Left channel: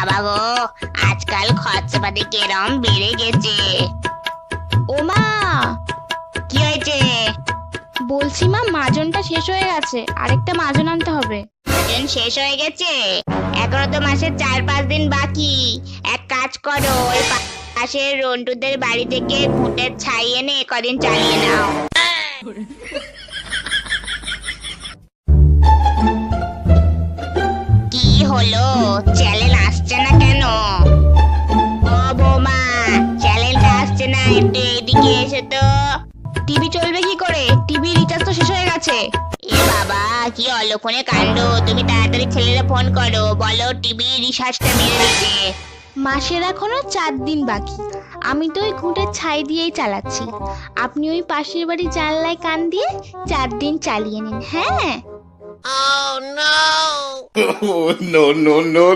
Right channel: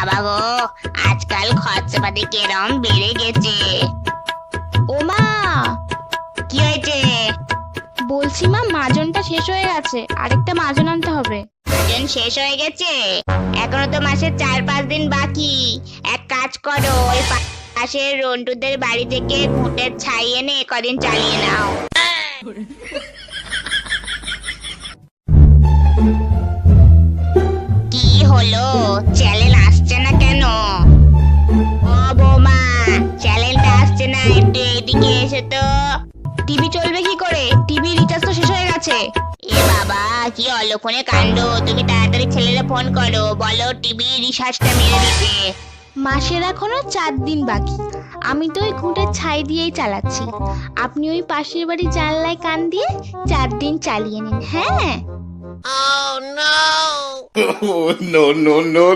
বাবা গো আজকাল খরচাপাতি কেরম বেড়ে গেছে। ও মা কি হয়েছে? বলছি মা মাজনটা শেষ হয়ে গেছে। আরেকটা মাজন আনতে হবে। মাজন শেষ হয়ে গেছে? এখনও তো মাসের চার পাঁচ দিন বাকি। এক কাজ করো ওই পাশের রন্টুদের বাড়ি থেকে ঘুঁটের ছাই এনে কদিন চালিয়ে নাও। কি হলো? চ্যানেল এসে তো। টিভি চলবে কি করে? টিভি রিচার্জ তো শেষ হয়ে গেছে। এ বাবা কি অলক্ষণে কাণ্ড। তুমি তাড়াতাড়ি ছেলেরা ফোন করো। বলো টিভি রিচার্জটা মেরে দিতে মাসের এখনও চার দিন বাকি। আমি তো ওই ঘুঁটের ছাই দিয়েই চালাচ্ছি। আপনি ওই পাশের বাড়ি জানলায় কান দিয়ে চার দিন চালিয়ে নিন হ্যাঁ? Oh no no no